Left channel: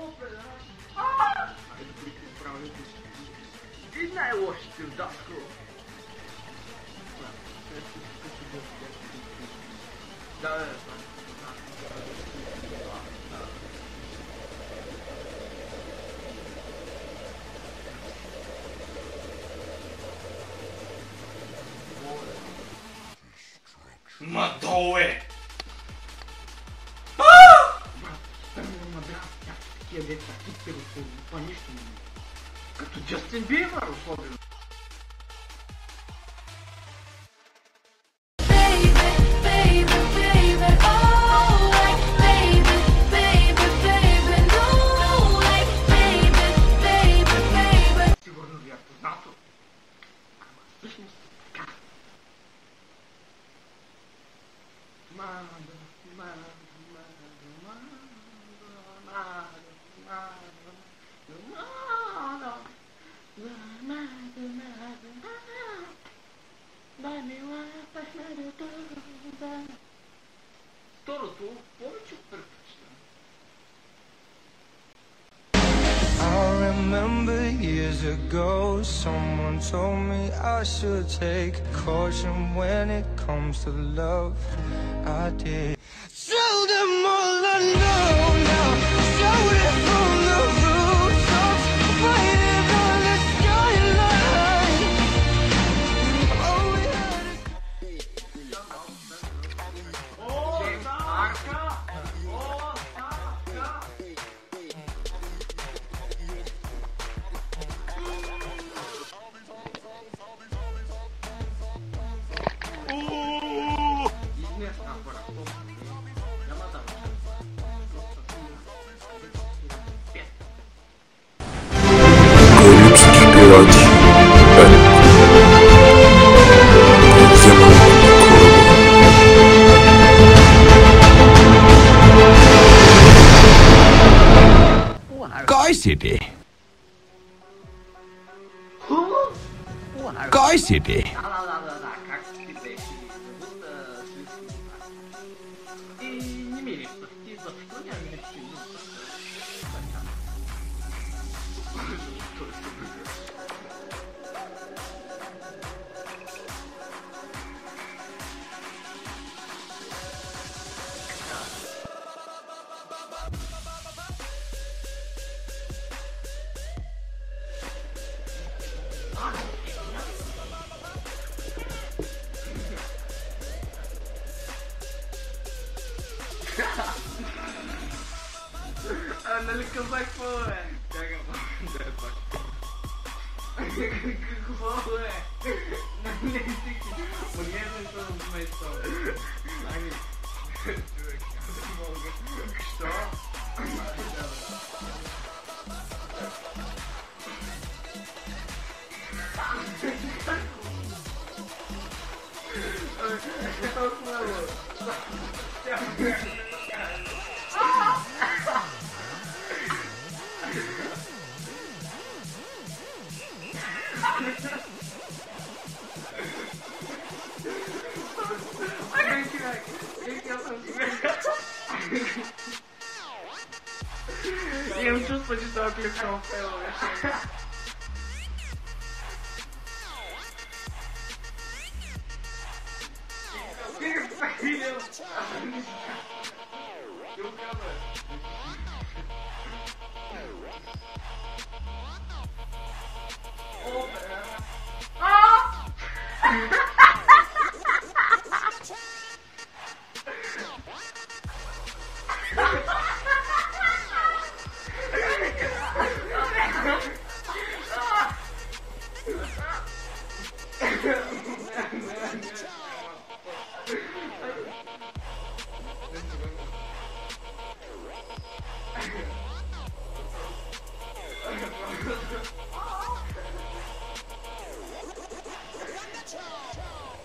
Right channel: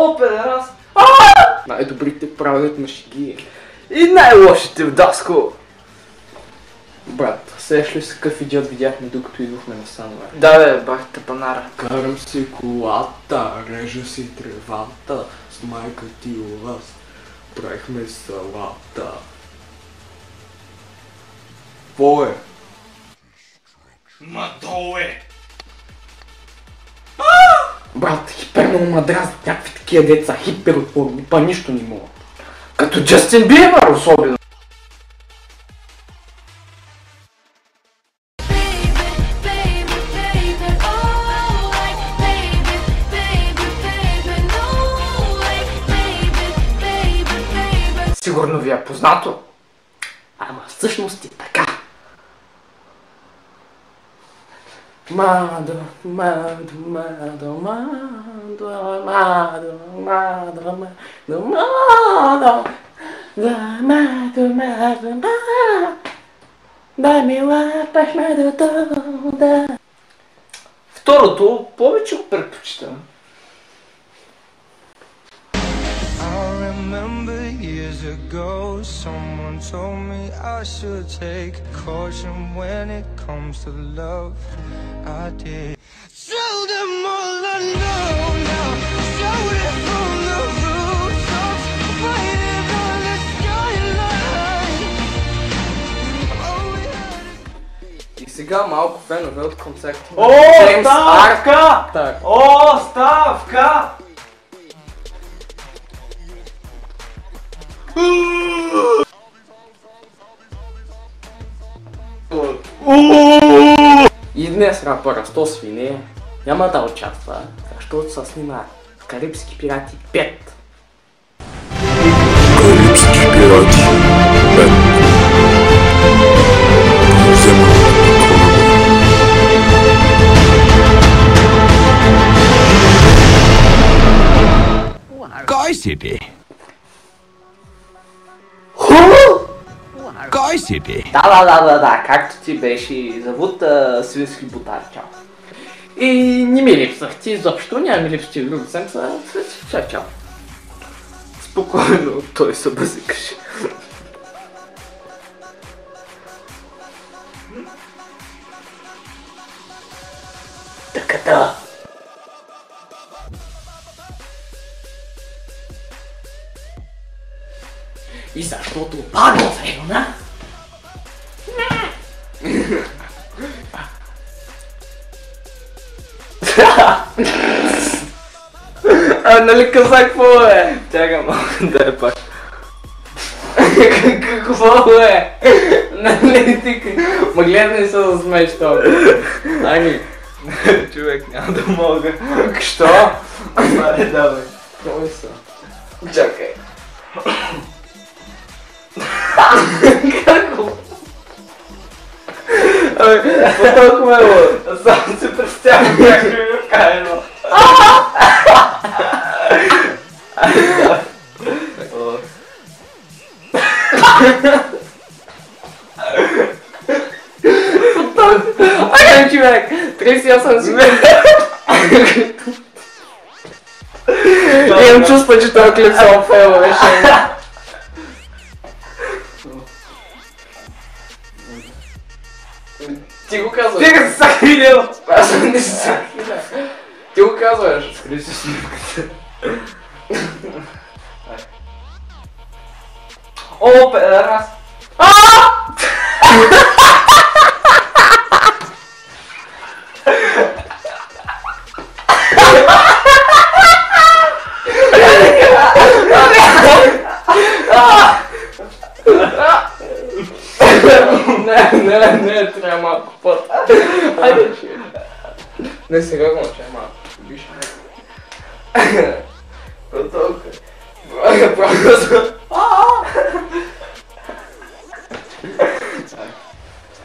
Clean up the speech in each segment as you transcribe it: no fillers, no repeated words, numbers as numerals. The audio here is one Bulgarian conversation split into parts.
О, педерас! Най-добрите правят на шеги. И най-лошите в Даско! Брат, сеш ли се какъв идиот видяхме докато идвахме на Сануар? Да бе, бах те панара. Карам си колата, режа си тревата, с майка ти у вас правихме салата. Какво е? Мадо е! Брат, хиперно ма дразнят някакви такива деца, хиперотворни, па нищо не мога. Като Джастин Бибър особено. Сигурно ви е познато. Ама всъщност е така. Мадо, мадо, мадо, мадо, мадо, мадо, мадо, мадо, да, мадо, мадо, мадо, да ми лапаш мадото, да. Второто повече го предпочитам. I remember years ago, someone told me I should take caution when it comes to love. I did. Tell them all I know now. Shout it from the rooftops, waiting on the skyline. All we had is И сега малко фенове от концерта. О, ставка! О, ставка! И днес рапъра Сто свине няма да участва, защото се снима Карибски пирати 5. Карибски пирати 5. Вземането на кораба. Кой си ти? Кой си ти? Да, както ти беше завод свински бутар, чао. И не ми липсах ти изобщо, няма ми липсти в друга седмица, чао. Спокойно, той се бъзикаше. Таката. И защото падна в района. Нали казах какво е? Чакай малко, дай пак. Какво е? Нали ти... Ма гледай се да смееш това. Ами. Човек, няма да мога. Що? Аре, давай. Кой са? Чакай. Какво? Абе, толкова е. Само се представям как ми е вкарано. Ай, човек! 38 секунди. Имам чувство, че този клип само фейла беше. Ти го казваш. Ти го са видел! Аз не съм. Ти го казваш. Скри си снимката. О, педерас! Не, трябва малко път. Айде, не сега го мълчай малко.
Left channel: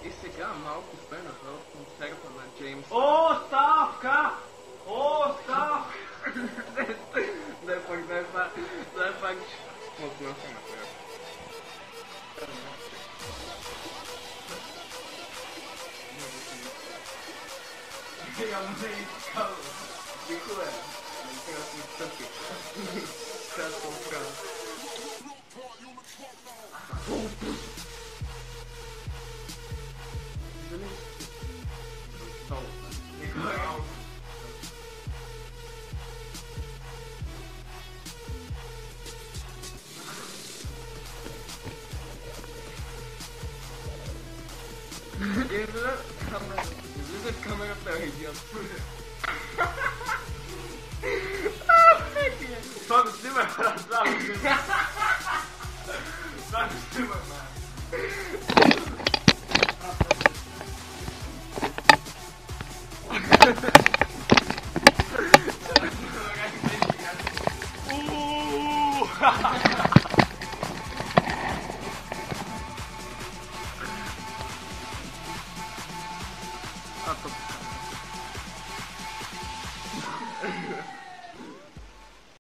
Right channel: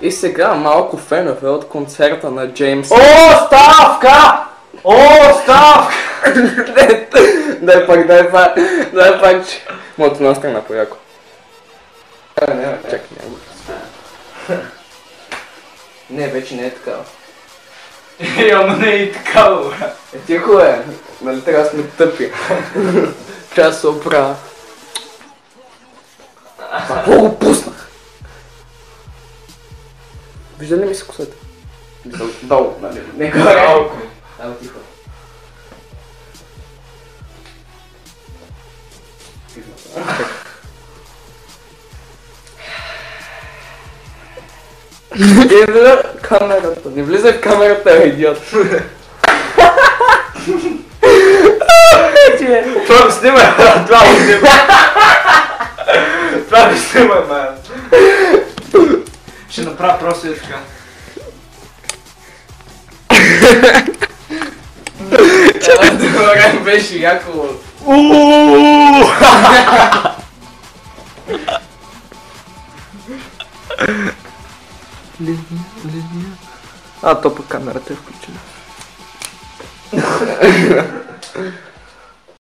И сега малко фенове от концерта на Джеймс. О, ставка! О, ставка! Дай пак, че... Моето настана по-яко. Не, чакай, няма. Не, вече не е така. Ама не и така, бе. Тихо е, нали трябва да сме тъпи. Трябва да се оправя. Какво го пуснах? Вижда ли ми се косата? Долу, нали? Не горе. Ало, тихо. Гледа камерата, не влизай в камерата, идиот. Това го снимай, това го снимай. Това го снимай, man. Ще направя просто и така. Добре, беше яко. А, то по камерата е включена.